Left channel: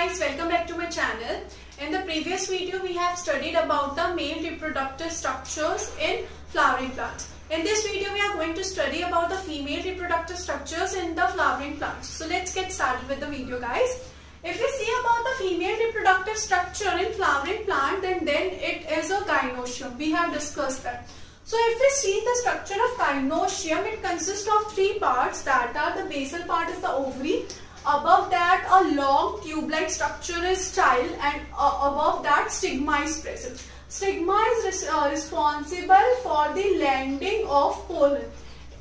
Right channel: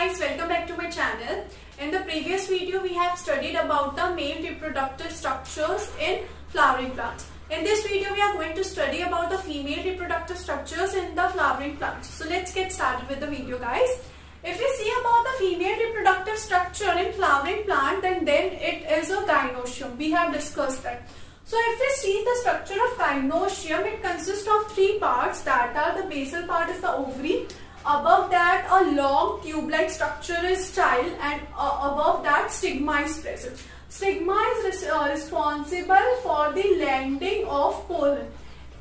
guys, welcome back to my channel. In the previous video we have studied about the male reproductive structures in flowering plants. In this video we are going to study about the female reproductive structures in the flowering plants. So let's get started with the video, guys. If we see about the female reproductive structure in flowering plant, then it is a gynoecium. We have discussed that. So if we see the structure of gynoecium, it consists of three parts, that are the basal part is the ovary. Above that, a long tube-like structure is style, and above that, stigma is present. Stigma is responsible for the landing of pollen.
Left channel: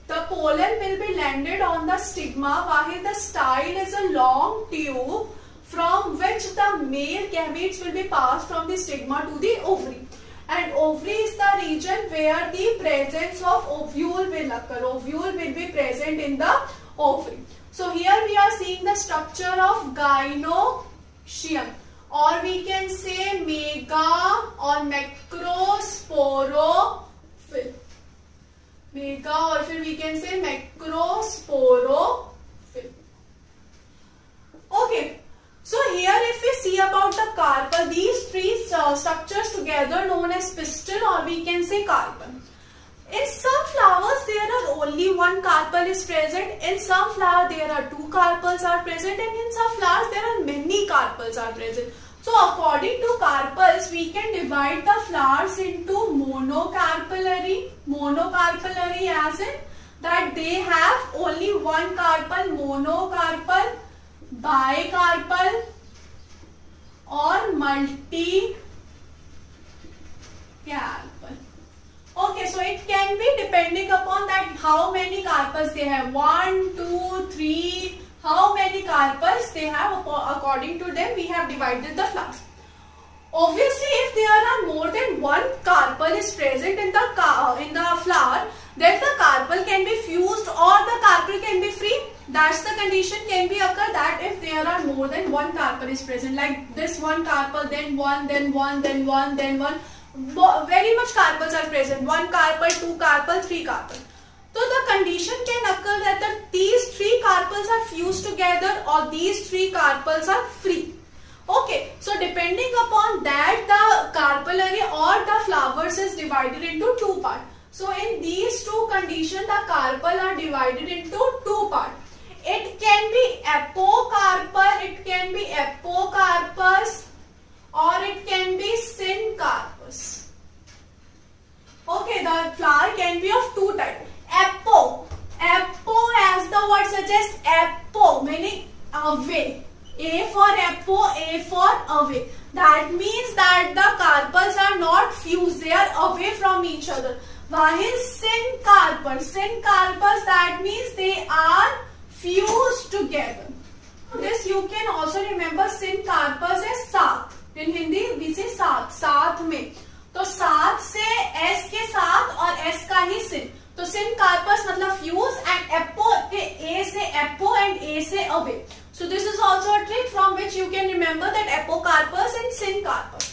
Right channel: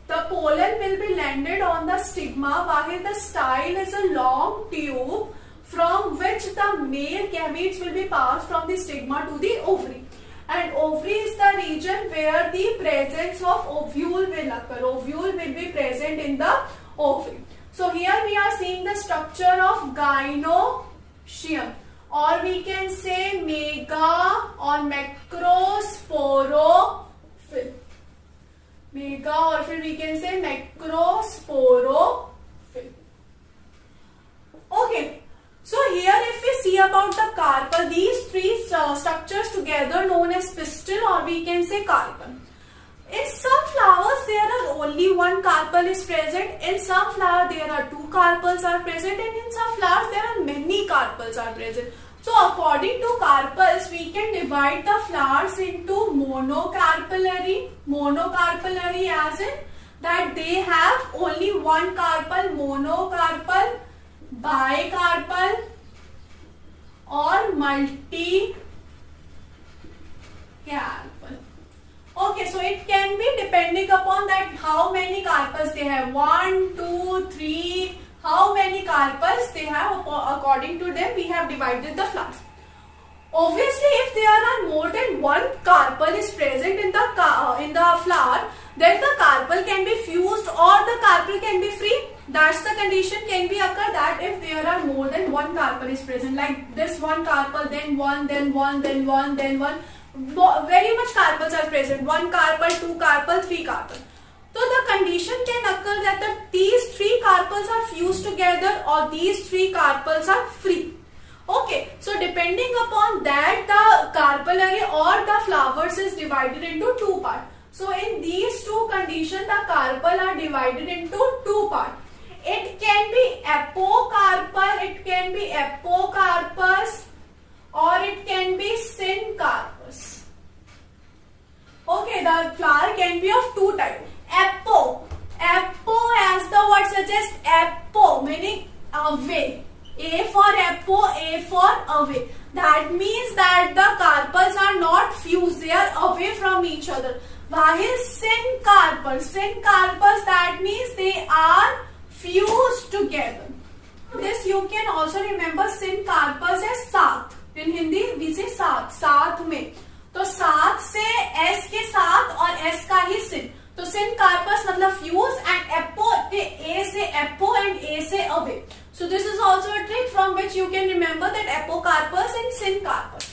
The pollen will be landed on the stigma, while the style is a long tube from which the male gametes will be passed from the stigma to the ovary. And ovary is the region where the presence of ovule will occur. Ovule will be present in the ovary. So here we are seeing the structure of gynoecium, or we can say mega or macrosporophyll. Mega, or we can say macrosporophyll. Okay. So here if we see about the carpel, these three structures together known as pistil, or we can say carpel. In some flowers there are only one carpel is present, in some flower there are two carpels are present, and in some flowers there are many carpels are present. So according to carpels, we can divide the flowers into monocarpellary. Monocarpellary as in that they have only one carpel, monocarpal, bicarpal, or multicarpal. Okay, so it can be depending upon that how many carpels they have. 1, 2, 3. How many carpels they have, according to them we have divided the flowers. Obviously, if there are more than one carpel is present in the flower, then the carpel can be fused or the carpel can be free. That's the condition can be occur, that if there are more than one carpel is present, like this one carpel, then one, then one, then one, then one. Very much carpels are present. One carpel, two carpel, three carpel. So the condition can occur that these three carpels are fused together or these three carpels are free. Okay, so depending upon that, the carpellary or the flowers is divided into two parts. So in these two conditions, the carpel are divided into two parts. It can be apocarpal, it can be apocarpus, or it can be syncarpus. Okay, the flower can be of two types. Apo as the word suggests, apo meaning away. A for apo, A for away. That means that the carpels are not fused, they are away from each other. While syncarpus, that means they are fused together. This you can also remember syncarpus as साथ. In Hindi we say साथ, साथ में. तो साथ से S के साथ और S का ही sin. तो syncarpus मतलब fuse, and apo के A से apo and A से away. So this is also a trick from which you can remember that apocarpus and syncarpus.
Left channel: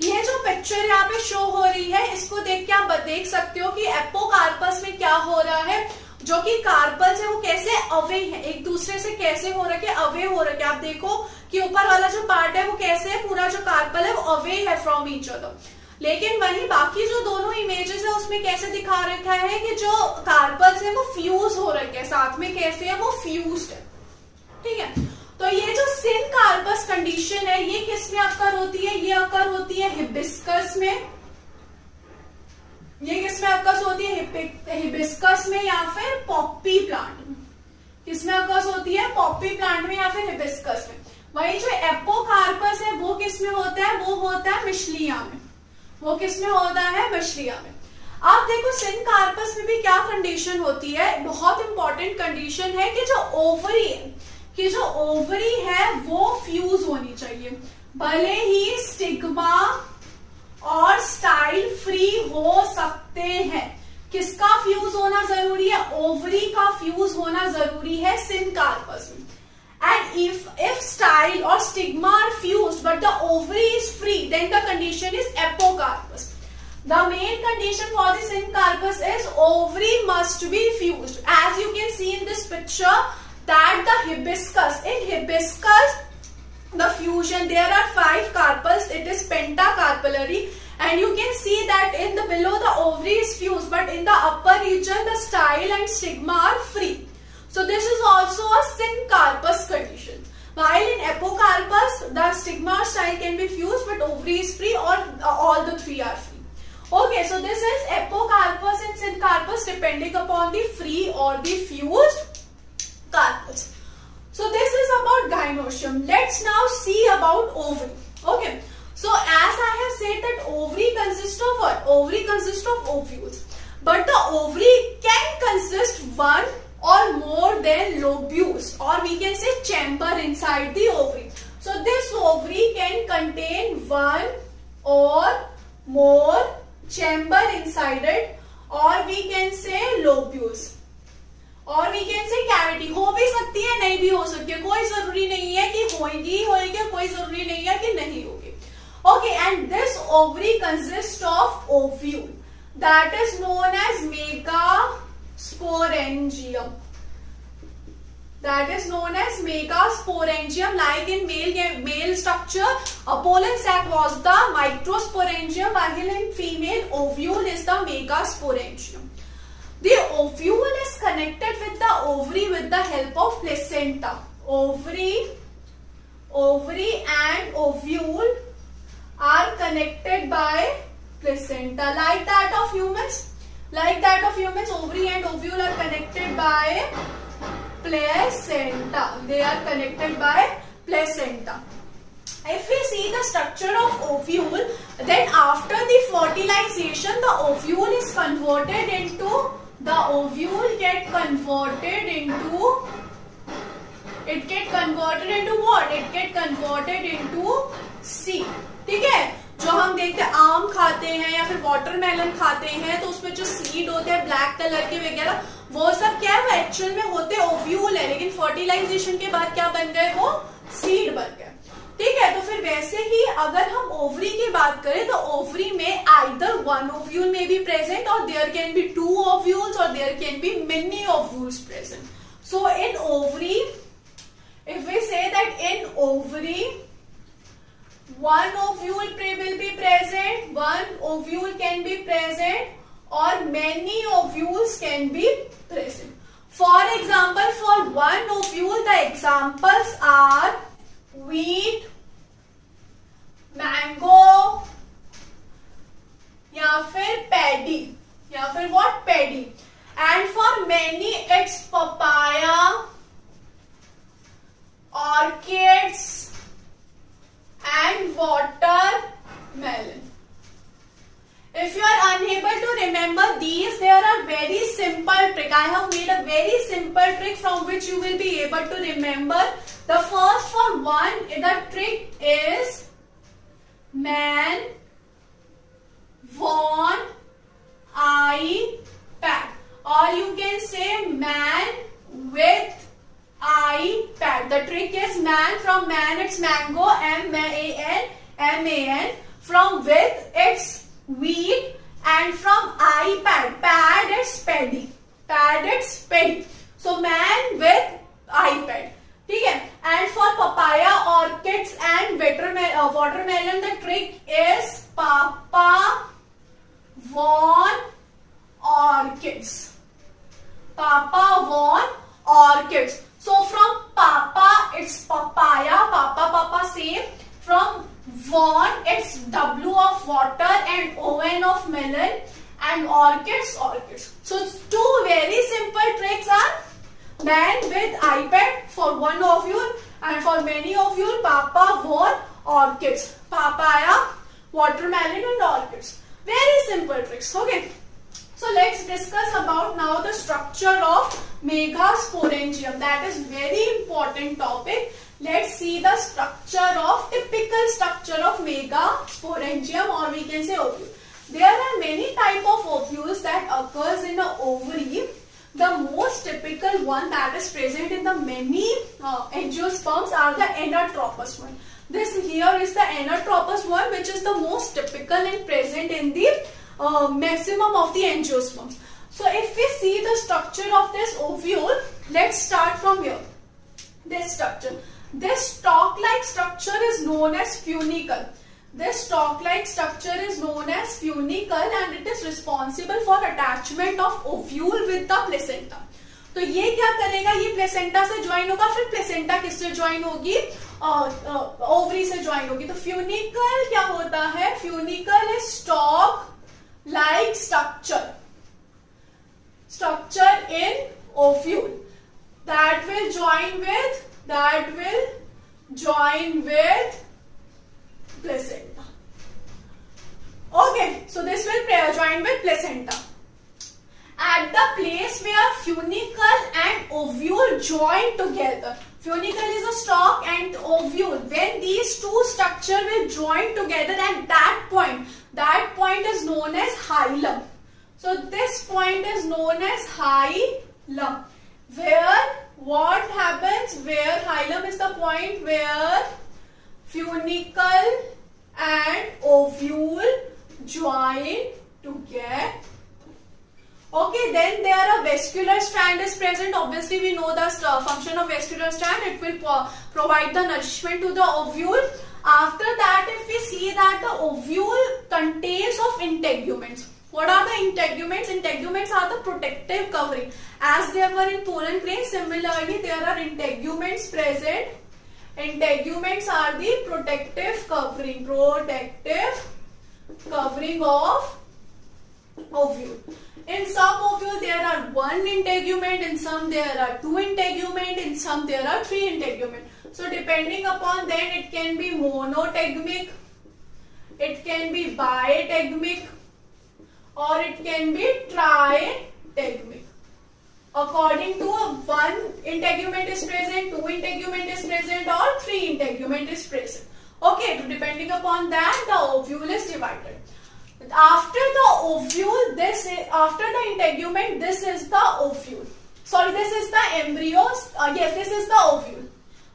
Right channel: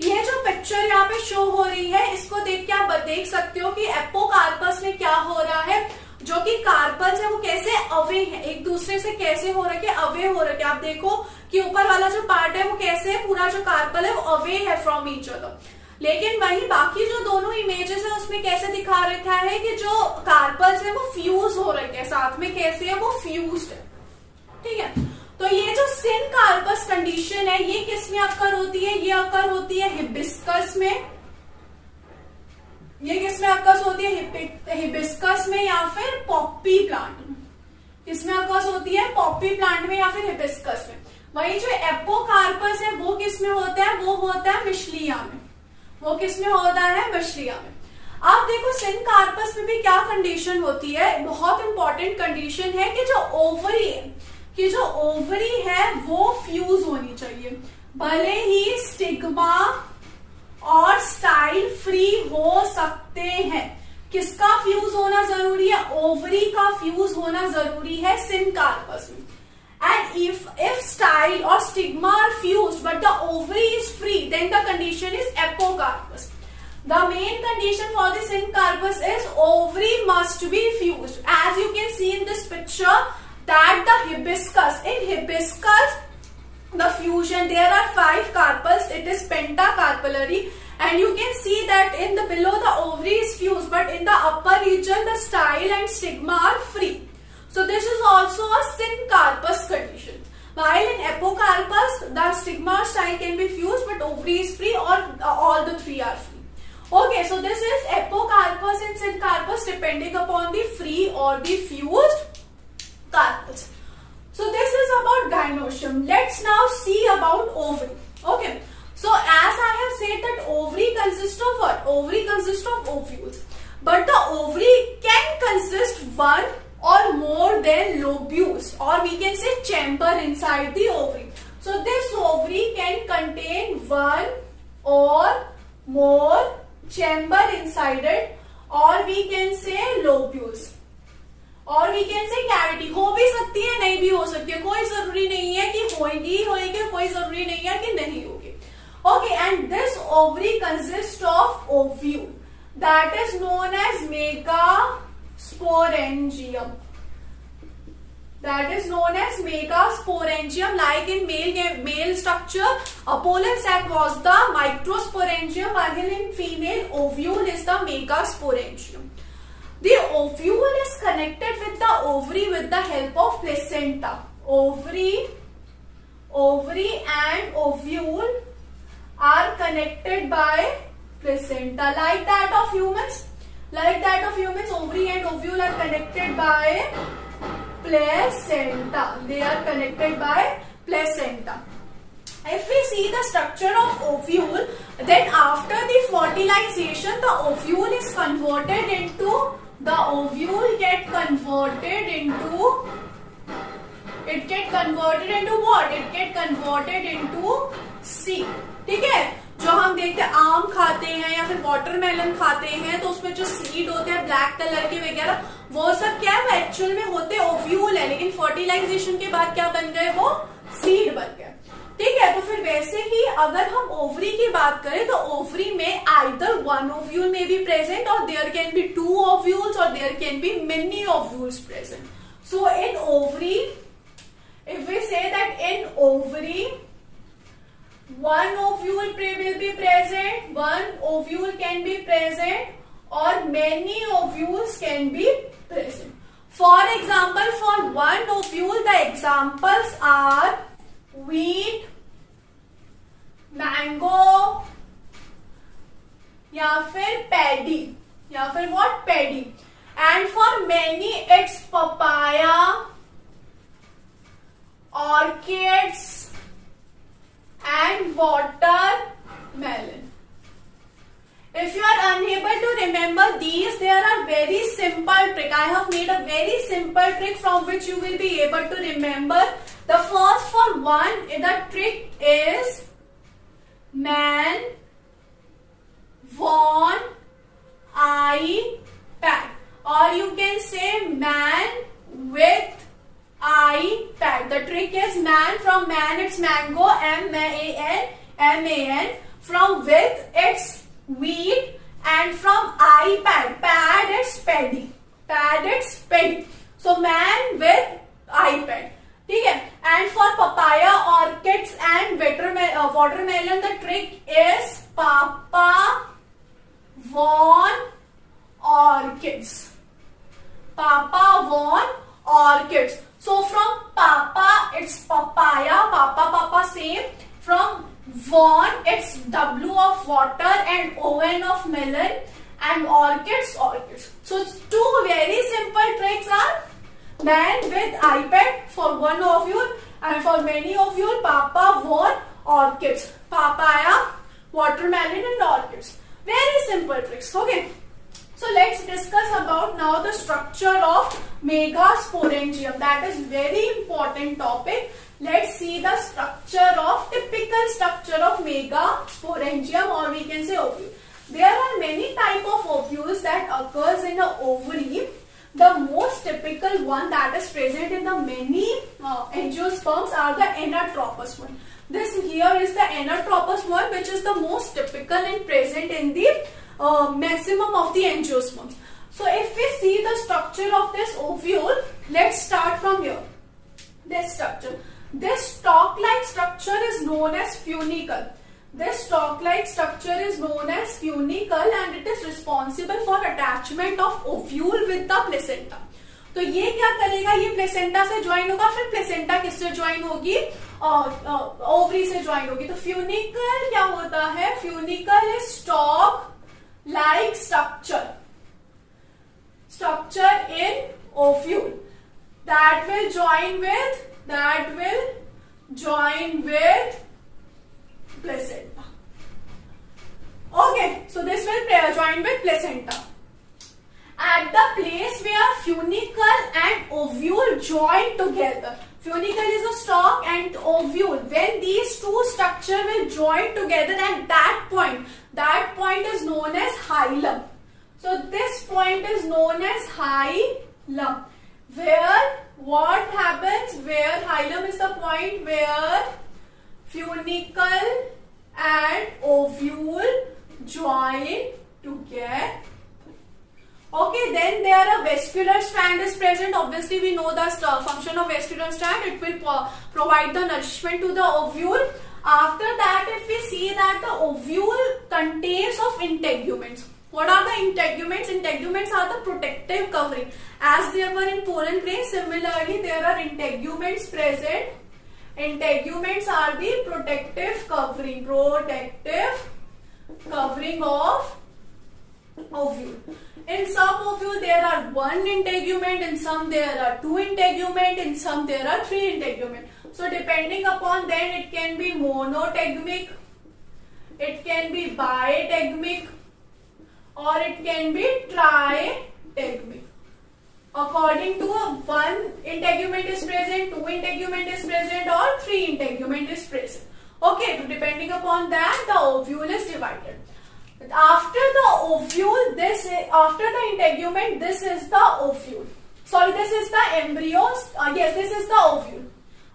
ये जो पिक्चर यहाँ पे शो हो रही है, इसको देख के आप देख सकते हो कि एपोकार्पस में क्या हो रहा है. जो कि कार्पल्स है वो कैसे अवे है, एक दूसरे से कैसे हो रखे, अवे हो रखे. आप देखो कि ऊपर वाला जो पार्ट है वो कैसे है, पूरा जो कार्पल है वो अवे है फ्रॉम ईच अदर. लेकिन वही बाकी जो दोनों इमेजेस है उसमें कैसे दिखा रखा है कि जो कार्पल्स है वो फ्यूज हो रखे हैं, साथ में कैसे है वो फ्यूज्ड है. ठीक है, तो ये जो syncarpus कंडीशन है ये किस में अक्कर होती है, ये अक्कर होती है हिबिस्कस में. ये किस में अक्कर होती है, हिबिस्कस में या फिर पॉपी प्लांट में. किसमें अक्कर होती है, पॉपी प्लांट में या फिर हिबिस्कस में. वही जो एपोकार्पस है वो किस में होता है, वो होता है मिशलिया में. वो किस में होता है, मिशलिया में. आप देखो syncarpus में भी क्या कंडीशन होती है, बहुत इंपॉर्टेंट कंडीशन है कि जो ओवरी है वो फ्यूज होनी चाहिए. भले ही स्टिग्मा और स्टाइल फ्री हो सकते हैं. किसका फ्यूज होना जरूरी है, ओवरी का फ्यूज होना जरूरी है syncarpus में. And if style or stigma are fused but the ovary is free, then the condition is apocarpus. The main condition for the syncarpus is ovary must be fused. As you can see in this picture that the hibiscus, in hibiscus the diffusion. There are 5 carpels. It is pentacarpellary, and you can see that in the below the ovary is fused, but in the upper region the style and stigma are free. So this is also a syncarpous condition. While in apocarpus, the stigma or style can be fused, but ovary is free, or all the 3 are free. Okay, so this is apocarpus and syncarpus depending upon the free or the fused carpels. So this is about gynoecium. Let's now see about ovary. Okay, so as I have said that ovary consists of what? Ovary consists of ovules. But the ovary can consist one or more than lobules, or we can say chamber inside the ovary. So this ovary can contain one or more chamber inside it, or we can say lobules, और we can say cavity. हो भी सकती है, नहीं भी हो सकती है, कोई जरूरी नहीं है कि होगी, कोई जरूरी नहीं है कि नहीं होगी. Okay, and this ovary consist of ovule that is known as megasporangium. That is known as megasporangium. Like in male structure, a pollen sac was the microsporangium, while in female ovule is the megasporangium. The ovule is connected with the ovary with the help of placenta. Ovary and ovule are connected by placenta. Like that of humans, ovary and ovule are connected by placenta. They are connected by placenta. If we see the structure of ovule, then after the fertilization, the ovule is converted into it get converted into what? It get converted into seed. ठीक है, जो हम देखते हैं आम खाते हैं या फिर वाटरमेलन खाते हैं, तो उसमें जो सीड होते हैं ब्लैक कलर के वगैरह, वो सब क्या है, वो एक्चुअल में होते ओव्यूल है, लेकिन फर्टिलाइजेशन के बाद क्या बन गए, वो सीड बन गए. ठीक है, तो फिर वैसे ही अगर हम ओवरी की बात करें तो ओवरी में आइदर वन ओव्यूल में बी प्रेजेंट, और देयर कैन बी 2 ओव्यूल्स, और there can be many ovules present. So in ovary, if we say that in ovary one ovule will be present, one ovule can be present, or many ovules can be present. For example, for one ovule, the examples are wheat, mango, या फिर paddy, या फिर what? Paddy. And for many, it's papaya, orchids, and watermelon. If you are unable to remember these, there are very simple trick. I have made a very simple trick from which you will be able to remember. The first for one, the trick is man, von, iPad, or you can say man with iPad. The trick is man. From man it's mango, M-A-N. From with it's wheat, and from iPad, pad it's paddy. So man with iPad. ठीक है. And for papaya, orchids and watermelon, the trick is papa, von, orchids. So from papa it's papaya, papa same. From von it's W of water and ON of melon, and orchids. So 2 very simple tricks are man with iPad for one ovule, and for many ovule papa, von, orchids. Papaya, watermelon and orchids. Very simple tricks. Okay. So let's discuss about now the structure of megasporangium. That is very important topic. Let's see the typical structure of megasporangium, or we can say ovule. There are many type of ovules that occurs in the ovary. The most typical one that is present in the many angiosperms are the anatropous one. This here is the anatropous one, which is the most typical and present in the maximum of the angiosperms. So if we see the structure of this ovule, let's start from here. This structure. This stalk-like structure is known as funicle. This stalk-like structure is known as funicle and it is responsible for attachment of ovule with the placenta. तो ये क्या करेगा, ये placenta से join होगा, फिर placenta किससे join होगी, ओवरी से ज्वाइन होगी. तो फ्यूनिकल क्या होता है, funicle is stock like structure in ovule that will join with placenta. Okay, so this will join with placenta. At the place where funicle and ovule join together, funicle is a stalk and ovule, when these two structure will join together, at that point is known as hilum. So this point is known as hilum. Where what happens, where hilum is the point where funicle and ovule join together. Okay, then there a vascular strand is present. Obviously we know the function of vascular strand. It will provide the nourishment to the ovule. After that, if we see that the ovule contains of integuments. What are the integuments? Integuments are the protective covering. As there were in pollen grain, similarly there are integuments present. Integuments are the protective covering of ovule. In some ovule there are one integument, in some there are two integument, in some there are three integument. So depending upon then it can be monotegmic, it can be bitegmic, or it can be tritegmic. According to one integument is present, two integument is present, or three integument is present. Okay, so depending upon that the ovule is divided. After the ovule, after the integument, this is the ovule. Sorry, this is the embryo. Yes, this is the ovule.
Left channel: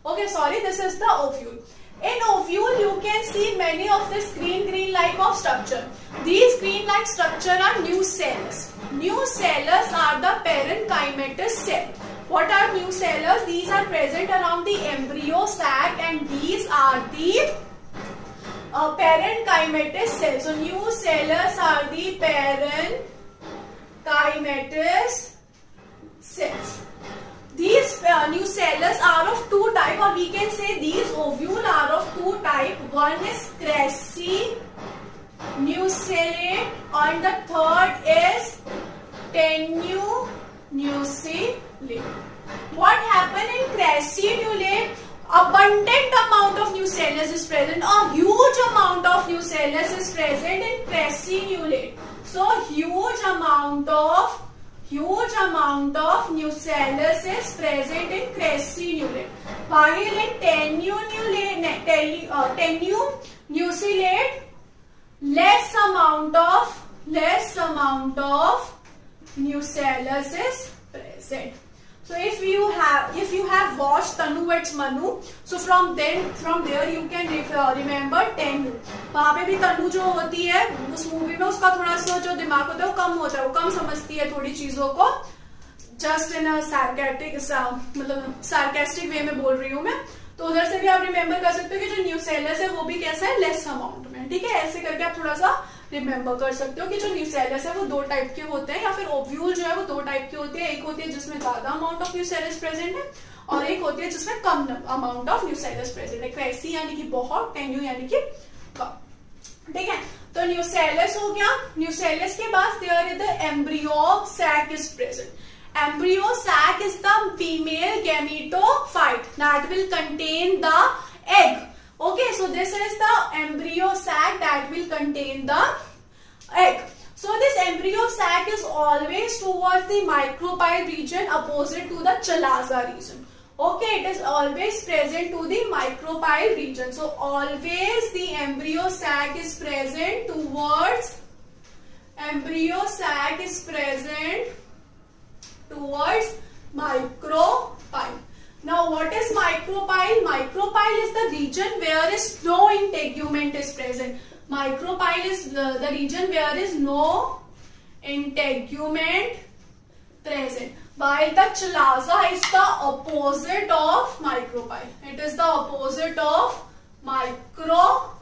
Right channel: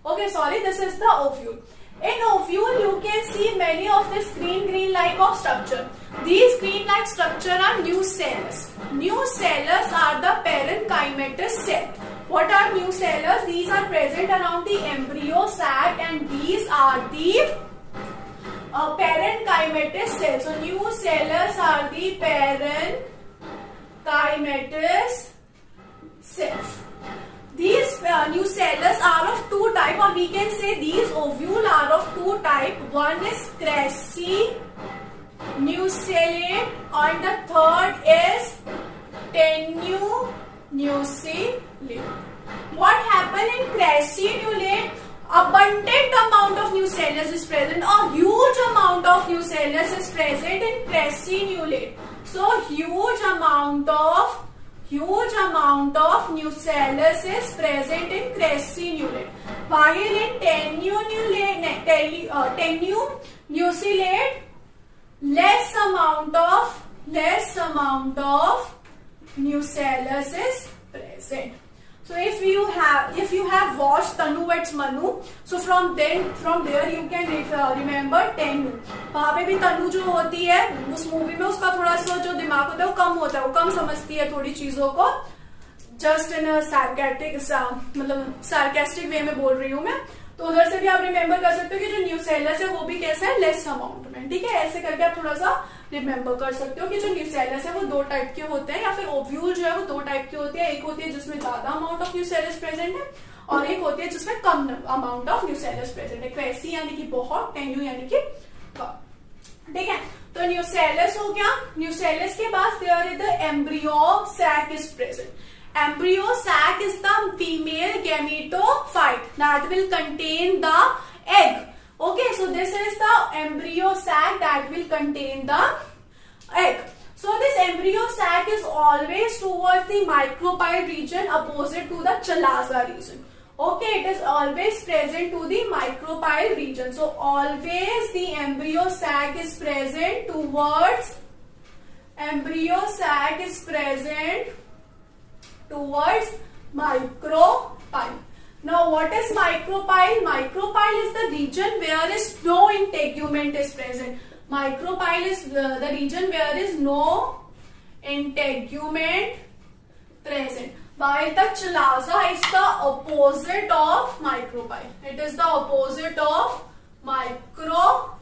Okay, sorry, this is the ovule. In ovule, you can see many of this green like of structure. These green like structure are nucellus. Nucellus are the parenchymatous cell. What are nucellus? These are present around the embryo sac and these are the parenchymatous cells. So nucellus are the parenchymatous cells. These nucellus are of two types, or we can say these ovule are of two types. One is crassinucellate and the third is tenunucellate. What happens in crassinucellate? Abundant amount of nucellus is present, a huge amount of nucellus is present in crassinucellate. So huge amount of nucellus is present in crassinucellate. While in tenunucellate, less amount of nucellus is present. So if you have watched Tanu Vets Manu, so from there you can remember Tenu. वहाँ पे भी तनु जो होती है उस movie में उसका थोड़ा सा जो दिमाग होता है वो कम होता है, वो कम समझती है थोड़ी चीजों को. जस्ट इन सार्केस्टिक वे में बोल रही हूँ मैं. तो उधर से भी आप रिमेम्बर कर सकते हो कि जो न्यूसेलस है वो भी कैसा है, लेस अमाउंट में. ठीक है, ऐसे करके आप थोड़ा सा रिमेम्बर कर सकते हो कि जो न्यूसेलस है वो दो टाइप के होते हैं, या फिर ओव्यूल जो है वो दो टाइप के होते हैं. एक होती है जिसमें ज्यादा अमाउंट ऑफ न्यूसेलस प्रेजेंट है और एक होती है जिसमें कम अमाउंट ऑफ न्यूसेलस प्रेजेंट है. क्रेसी यानी कि बहुत, टेन्यू यानी कि कम. ठीक है, तो न्यूसेलस हो गया. न्यूसेलस के बाद there is the embryo sac is present. Embryo sac is the female gametophyte that will contain the egg. Okay, so this is the embryo sac that will contain the egg. So this embryo sac is always towards the micropyle region opposite to the chalaza region. Okay, it is always present to the micropyle region. So always the embryo sac is present towards micropyle. Now what is micropyle? Micropyle is the region where is no integument is present. Micropyle is the region where is no integument present. While the chalaza is the opposite of micropyle. It is the opposite of micropyle.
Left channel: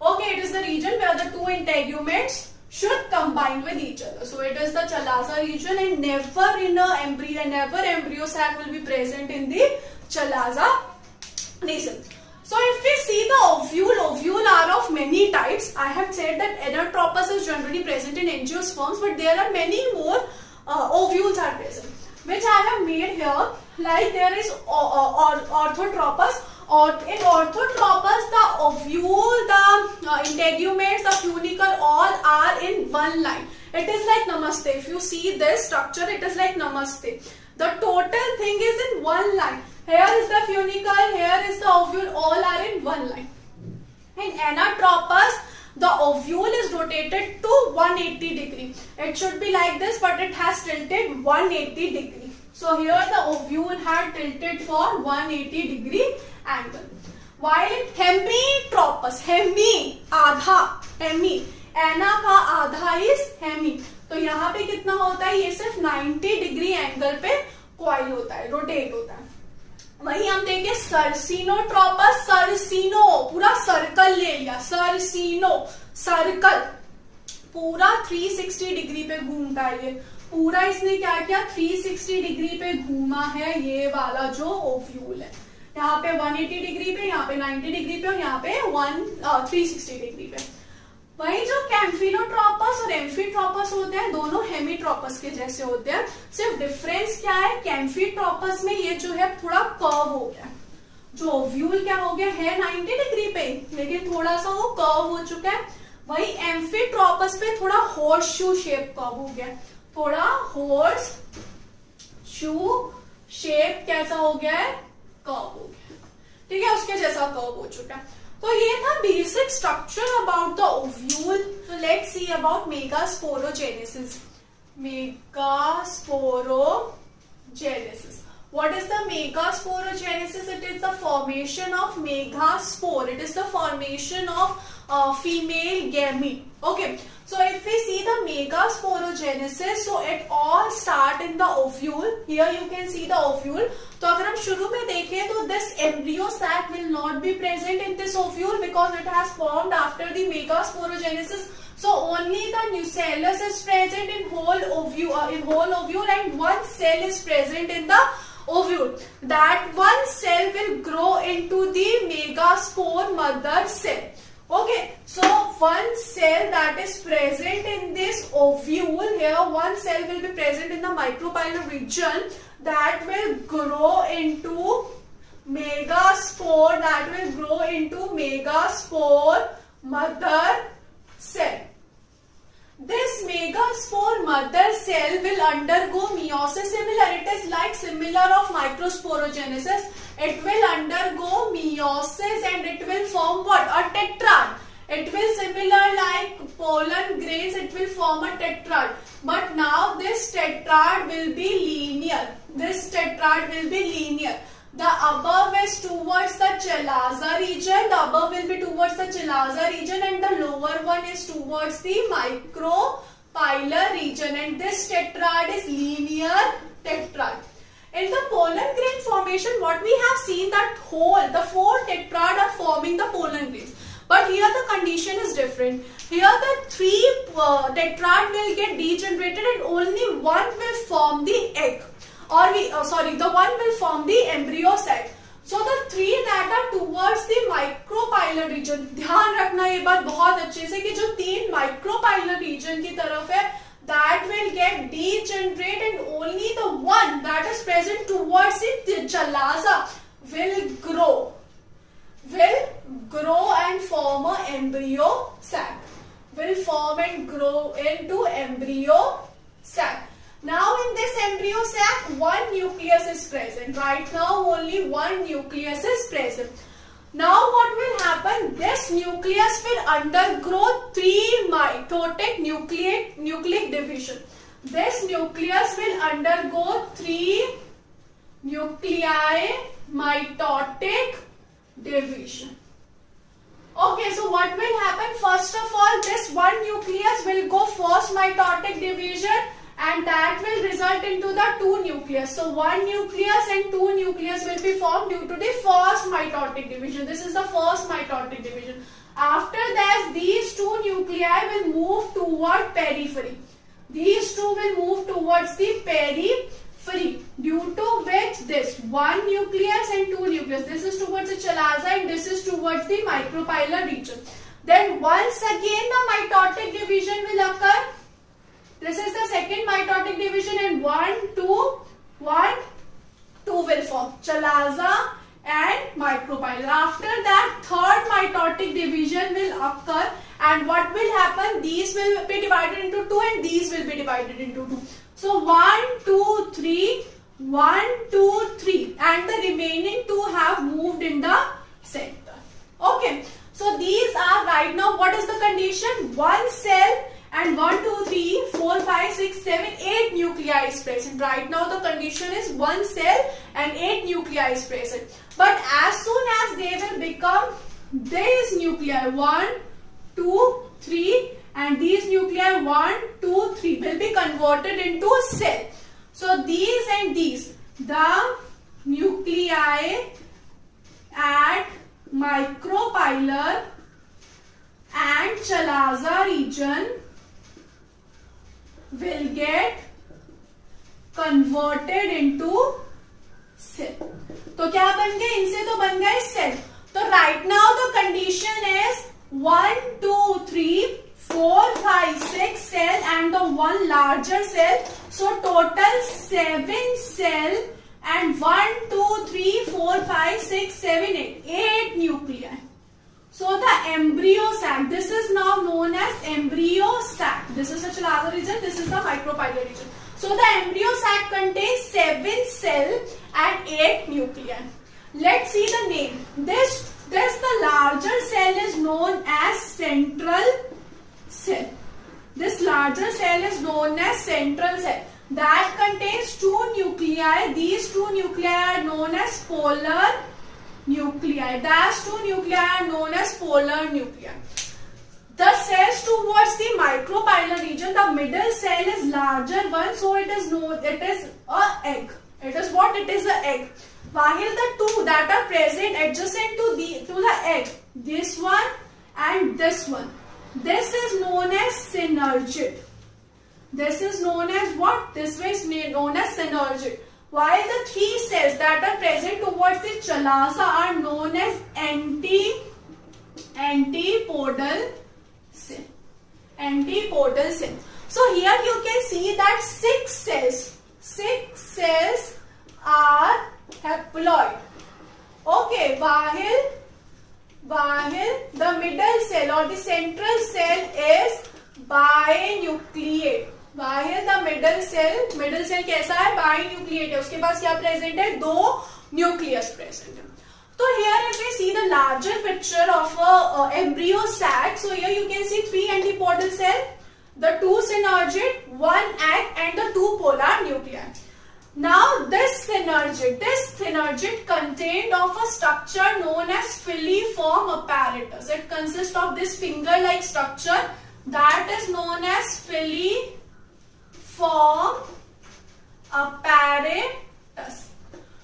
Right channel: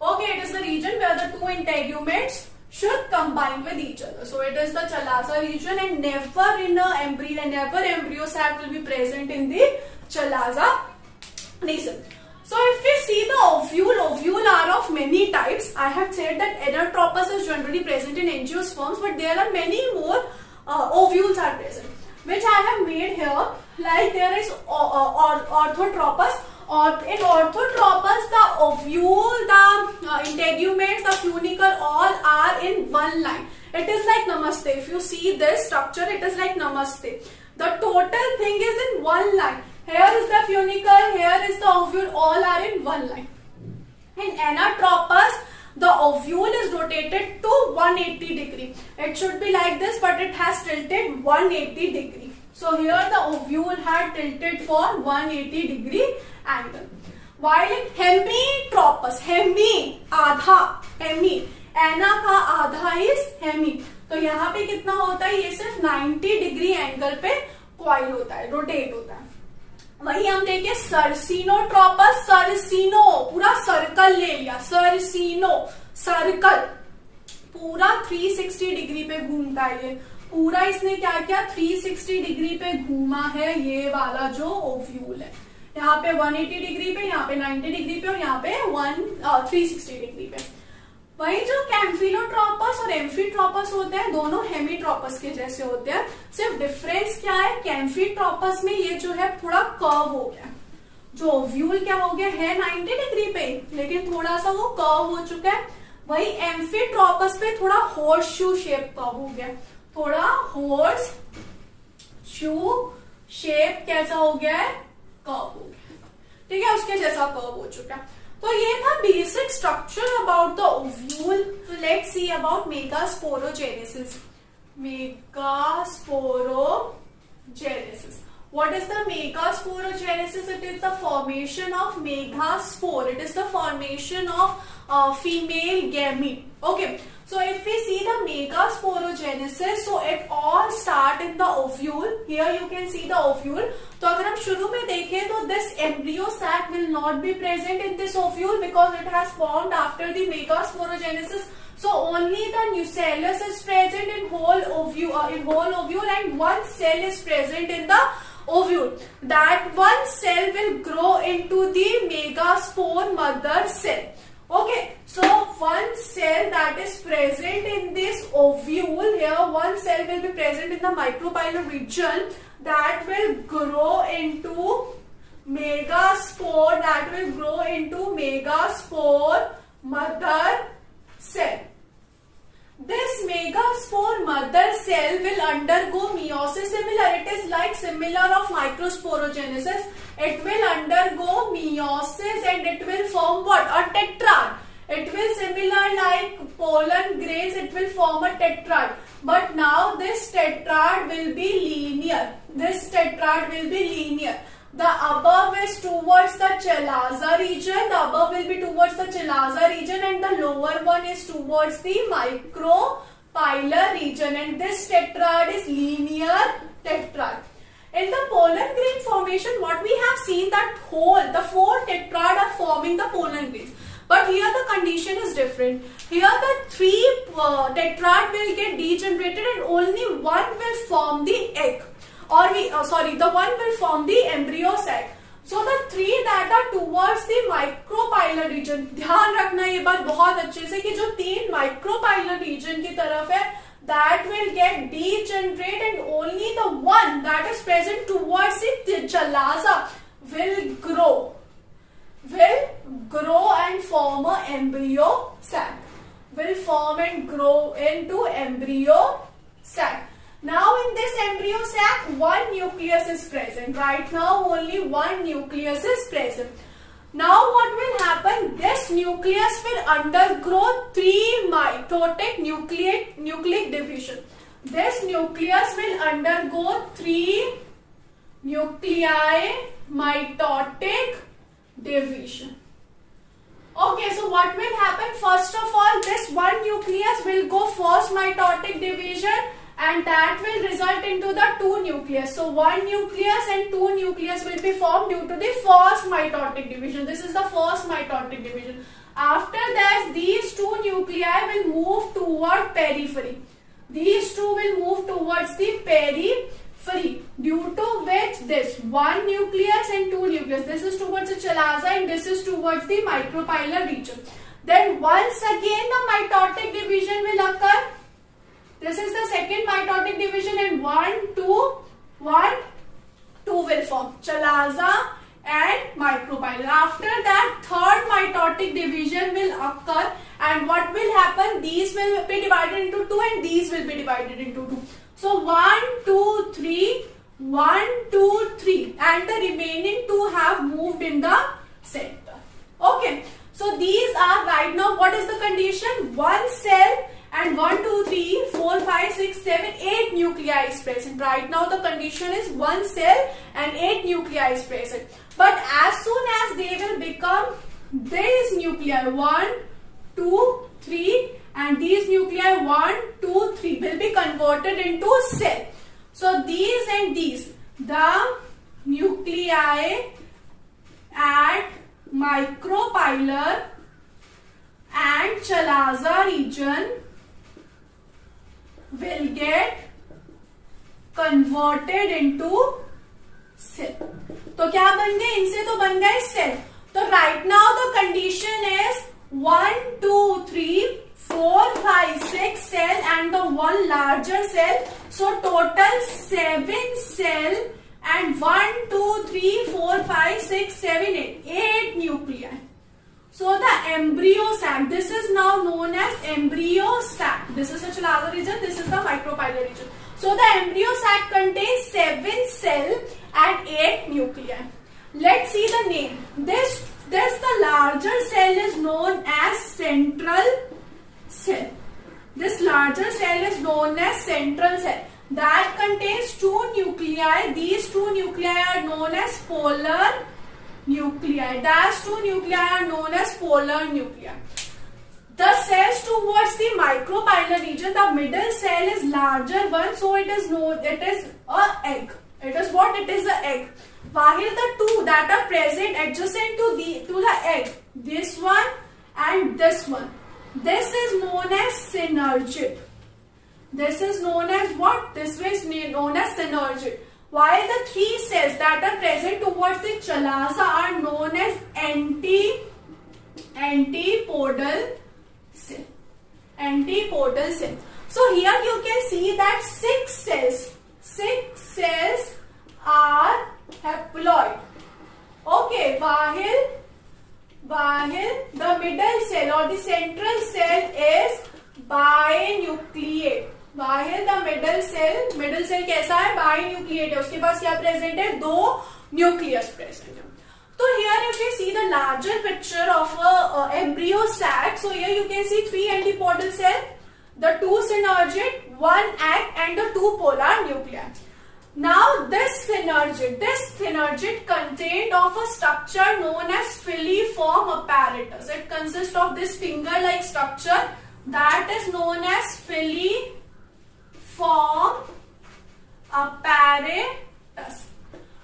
Okay, it is the region where the two integuments should combine with each other. So it is the chalaza region, and never in a embryo, never embryo sac will be present in the chalaza region. So if we see the ovule are of many types. I have said that anatropous is generally present in angiosperms, but there are many more ovules are present, which I have made here. Like there is orthotropous. Or in orthotropous, the ovule, the integuments, the funicle, all are in one line. It is like namaste. If you see this structure, it is like namaste. The total thing is in one line. Here is the funicle, here is the ovule, all are in one line. In anatropous, the ovule is rotated to 180 degree. It should be like this, but it has tilted 180 degree. So here the ovule had tilted for 180 degree angle. While in hemitropous, hemi आधा, hemi एना का आधा is hemi, तो यहाँ पे कितना होता है, ये सिर्फ 90 डिग्री एंगल पे कॉइल होता है, रोटेट होता है. वही हम देखें सर्सिनोट्रोपस, सर्सिनो पूरा सर्कल ले लिया, सर्सिनो सर्कल पूरा 360 डिग्री पे घूमता है. ये पूरा इसने क्या किया, 360 डिग्री पे घूमा है. ये वाला जो ओव्यूल है, यहाँ पे 180 डिग्री पे, यहाँ पे 90 डिग्री पे और यहाँ पे 360 डिग्री पे. वही जो कैम्फिलोट्रोपस और एम्फीट्रोपस होते हैं, दोनों हेमीट्रोपस के जैसे होते हैं. सिर्फ डिफरेंस क्या है, कैम्फीट्रोपस में ये जो है थोड़ा कर्व हो गया. जो ओव्यूल क्या हो गया है 90 डिग्री पे, लेकिन थोड़ा सा वो कर्व हो चुका है. वही एम्फीट्रोपस पे थोड़ा हॉर्स शू शेप कर्व हो गया, थोड़ा हॉर्स शू शेप कैसा हो गया है, कर्व हो गया. ठीक है, उसके जैसा कर्व हो चुका है. तो ये था basic structure about the ovule. So let's see about megasporogenesis. Megasporogenesis. What is the megasporogenesis? It is the formation of megaspore. It is the formation of female gamete. Okay. So if we see the megasporogenesis, so it all start in the ovule. Here you can see the ovule. तो अगर हम शुरू में देखें तो this embryo sac will not be present in this ovule because it has formed after the megasporogenesis. So only the nucellus is present in whole ovule, and one cell is present in the ovule. That one cell will grow into the megaspore mother cell. Okay, so one cell that is present in this ovule, here one cell will be present in the micropylar region, that will grow into megaspore, mother cell. This megaspore mother cell will undergo meiosis. Similar, it is like similar of microsporogenesis. It will undergo meiosis and it will form what? A tetrad. It will similar like pollen grains. It will form a tetrad. But now this tetrad will be linear. The above is towards the chalaza region. The above will be towards the chalaza region, and the lower one is towards the micropylar region. And this tetrad is linear tetrad. In the pollen grain formation, what we have seen that the 4 tetrad are forming the pollen grains. But here the condition is different. Here the 3 tetrad will get degenerated and only one will form the egg. The one will form the embryo sac. So the 3 that are towards the micropylar region, ध्यान रखना ये बात बहुत अच्छे से कि जो 3 micropylar region की तरफ है, that will get degenerate and only the one that is present towards the chalaza will grow and form an embryo sac. Will form and grow into embryo sac. Now in this embryo sac, one nucleus is present. Right now only one nucleus is present. Now what will happen? This nucleus will undergo 3 mitotic nucleic division. This nucleus will undergo 3 nuclei mitotic division. Okay, so what will happen? First of all, this one nucleus will go first mitotic division, and that will result into the two nucleus. So one nucleus and two nucleus will be formed due to the first mitotic division. This is the first mitotic division. After that, these two nuclei will move toward periphery. These two will move towards the periphery, due to which this one nucleus and two nucleus. This is towards the chalaza and this is towards the micropylar region. Then once again the mitotic division will occur. This is the second mitotic division and 1, 2 will form chalaza and micropylar. After that, third mitotic division will occur, and what will happen? These will be divided into two and these will be divided into two. So 1, 2, 3, 1, 2, 3, and the remaining two have moved in the center. Okay, so these are right now, what is the condition? One cell and 1, 2, 3, 4, 5, 6, 7, 8 nuclei is present. Right now the condition is one cell and 8 nuclei is present. But as soon as they will become these nuclei 1, 2, 3 and these nuclei 1, 2, 3 will be converted into cell. So these and these, the nuclei at micropylar and chalaza region will get converted into cell. तो क्या बन गए? इनसे तो बन गए cell. तो right now the condition is 1, 2, 3, 4, 5, 6 cell and the one larger cell. So total 7 cell and 1, 2, 3, 4, 5, 6, 7, 8 nuclei. So the embryo sac, this is now known as embryo sac. This is the chalaza region, this is the micropylar region. So the embryo sac contains 7 cell and 8 nuclei. Let's see the name. This the larger cell is known as central cell. This larger cell is known as central cell. That contains 2 nuclei. These 2 nuclei are known as polar nuclei. Those 2 nuclei are known as polar nuclei. The cells towards the micropylar region, the middle cell is larger one, so it is known, it is a egg. It is what? It is a egg. While the two that are present adjacent to the egg, this one and this one, this is known as synergid. This is known as what? This is known as synergid. While the 3 cells that are present towards the chalaza are known as antipodal cell. Antipodal cell. So here you can see that 6 cells are haploid. Okay, while the middle cell or the central cell is binucleate. While the middle cell कैसा है? Binucleate है. उसके पास क्या present है? 2 nucleus present है. So here if we see the larger picture of a embryo sac, so here you can see 3 antipodal cell, the 2 synergid, 1 egg and the 2 polar nuclei. Now this synergid contained of a structure known as filiform apparatus. It consists of this finger-like structure that is known as filiform apparatus.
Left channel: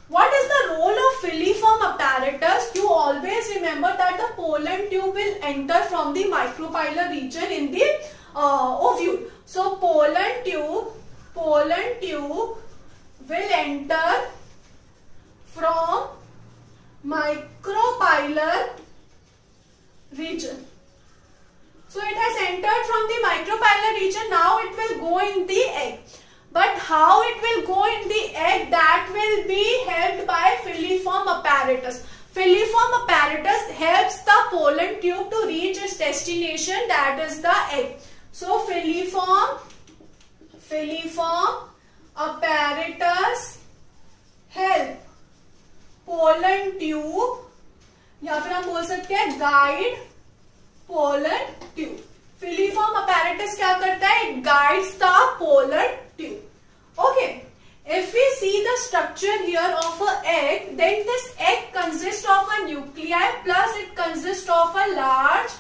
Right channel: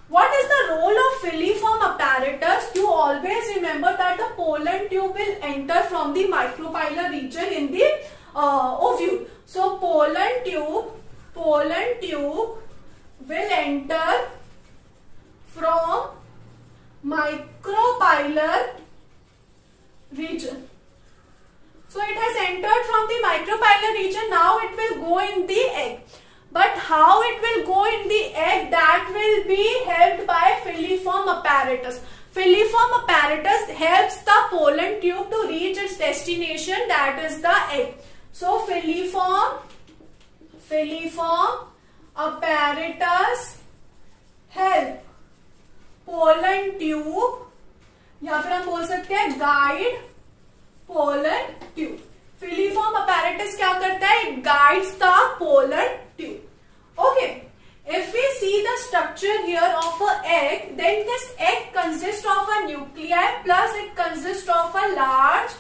What is the role of filiform apparatus? You always remember that the pollen tube will enter from the micropylar region in the ovule. So pollen tube will enter from micropylar region. So it has entered from the micropylar region. Now it will go in the egg. But how it will go in the egg, that will be helped by filiform apparatus. Filiform apparatus helps the pollen tube to reach its destination, that is the egg. So filiform apparatus help pollen tube, या फिर हम बोल सकते हैं guide pollen tube. Filiform apparatus क्या करता है? It guides the pollen tube. Okay. If we see the structure here of an egg, then this egg consists of a nuclei plus it consists of a large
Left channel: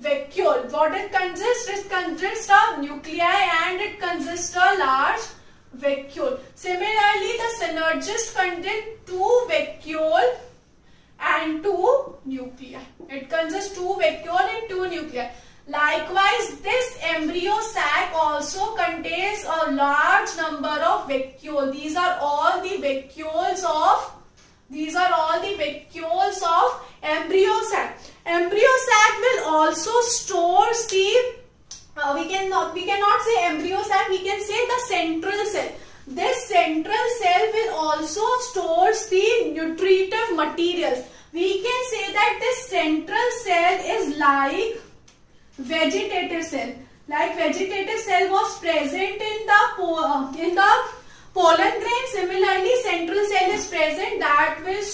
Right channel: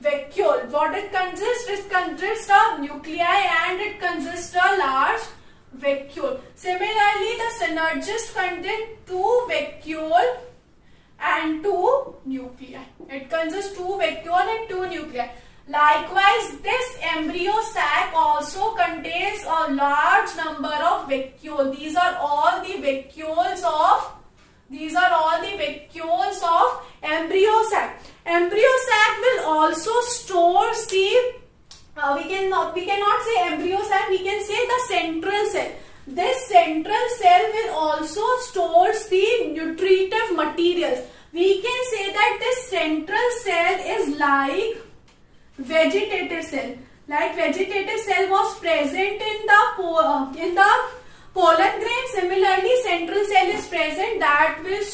vacuole. What it consists? It consists of nuclei and it consists of large vacuole. Similarly, the synergist contains two vacuole and two nuclei. It consists two vacuole and two nuclei. Likewise, this embryo sac also contains a large number of vacuole. These are all the vacuoles of embryo sac. Embryo sac will also store the we cannot say embryo sac, we can say the central cell. This central cell will also store the nutritive materials. We can say that this central cell is like vegetative cell. Like vegetative cell was present in the pollen grain. Similarly, central cell is present that will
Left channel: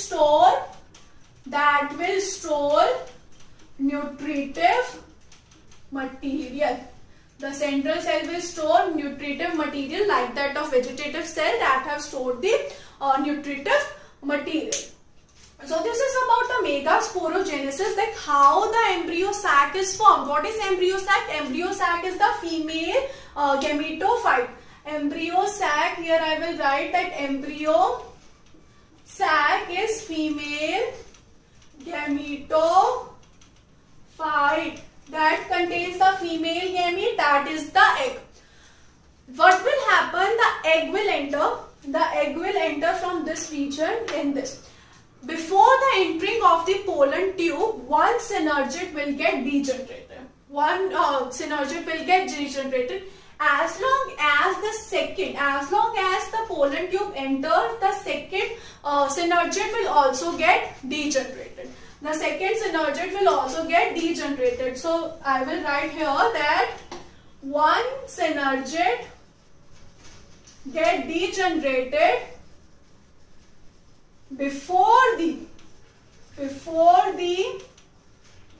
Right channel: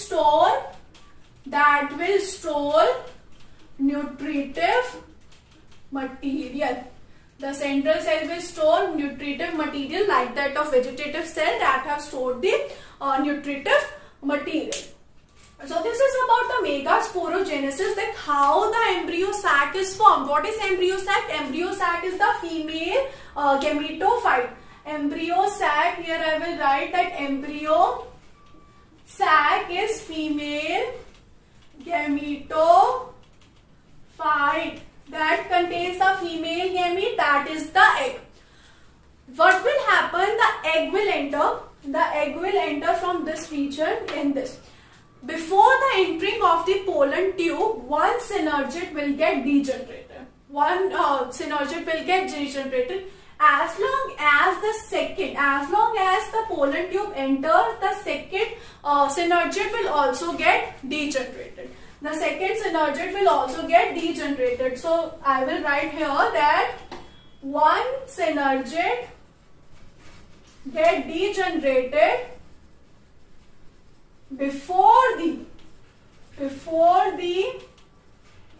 store nutritive material. The central cell will store nutritive material like that of vegetative cell that have stored the nutritive material. So this is about the megasporogenesis, like how the embryo sac is formed. What is embryo sac? Embryo sac is the female gametophyte. Embryo sac, here I will write that embryo sac is female gametophyte that contains the female gamete, that is the egg. What will happen? The egg will enter from this region in this. Before the entering of the pollen tube, one synergid will get degenerated. As long as the pollen tube enters, the second synergid will also get degenerated. So I will write here that one synergid get degenerated before the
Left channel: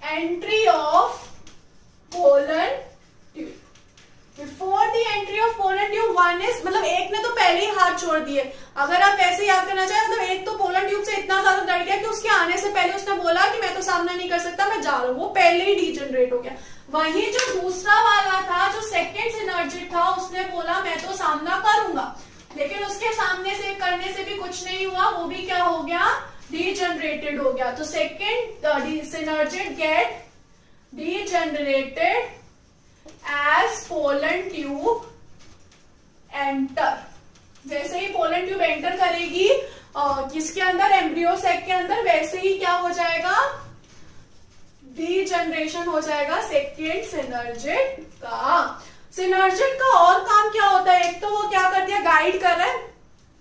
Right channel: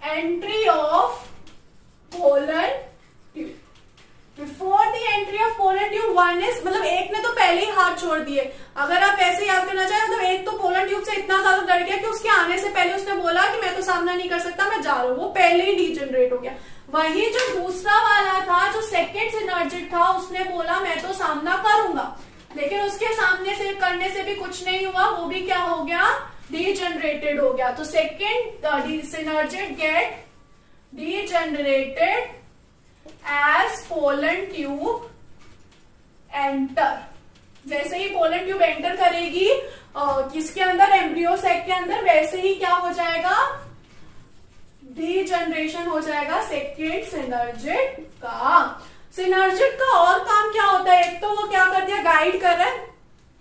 entry of pollen tube. Before the entry of pollen tube, one is मतलब एक ने तो पहले ही हाथ छोड़ दिए. अगर आप वैसे याद करना चाहें, मतलब एक तो पोलन ट्यूब से इतना ज्यादा डर गया कि उसके आने से पहले उसने बोला कि मैं तो सामना नहीं कर सकता, मैं जा रहा हूँ, वो पहले ही डीजनरेट हो गया. वही जो दूसरा वाला था, जो सेकेंड सिनर्जिड था, उसने बोला मैं तो सामना करूंगा, लेकिन उसके सामने से करने से भी कुछ नहीं हुआ, वो भी क्या हो गया, डीजनरेटेड हो गया. तो second synergid get degenerated as pollen tube enter. जैसे ही pollen tube enter करेगी किसके अंदर, एम्ब्रियो सैक के अंदर, वैसे ही क्या हो जाएगा, डीजनरेशन हो जाएगा सेकेंड सिनर्जिड का. सिनर्जिड का और काम क्या होता है, एक तो वो क्या करती है, गाइड कर रहा है,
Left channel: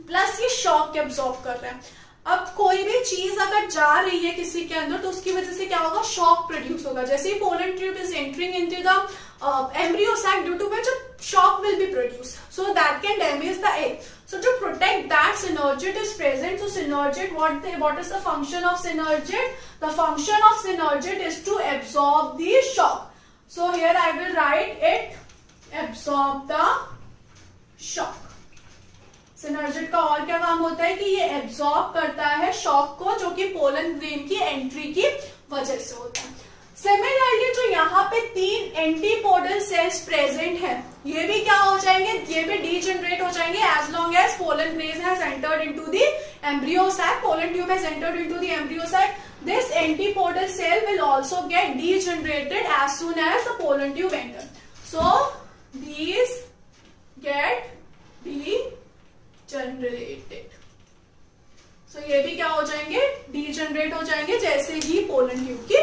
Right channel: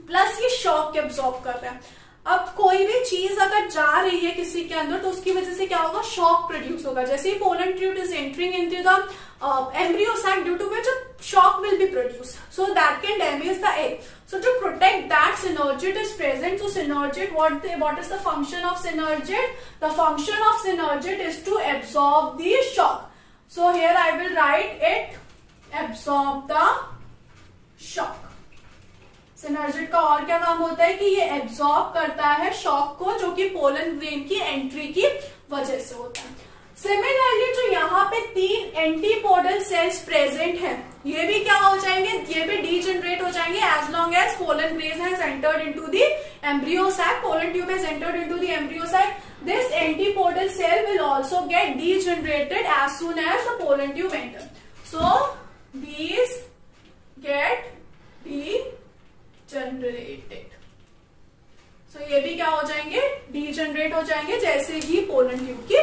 प्लस ये शॉक एब्सॉर्ब कर रहा है. अब कोई भी चीज अगर जा रही है किसी के अंदर तो उसकी वजह से क्या होगा, शॉक प्रोड्यूस होगा. जैसे ही pollen tube is entering into the embryo sac, due to which a shock will be produced, so that can damage the egg. So to protect that, synergid is present. So synergid, what is the function of synergid? The function of synergid is to absorb the shock. So here I will write it, absorb the shock. Synergid का और क्या काम होता है कि ये absorb करता है शॉक को, जो कि पोलन ग्रेन की एंट्री की वजह से होता है. सिमिलरली जो यहाँ पे 3 एंटीपोडल सेल्स प्रेजेंट हैं, ये भी क्या हो जाएंगे, ये भी डीजनरेट हो जाएंगे as long as pollen grain has entered into the embryo sac, pollen tube has entered into the embryo sac. This antipodal cell will also get degenerated as soon as the pollen tube enter. So these get degenerated. So ये भी क्या हो जाएंगे, degenerate हो जाएंगे जैसे ही pollen tube की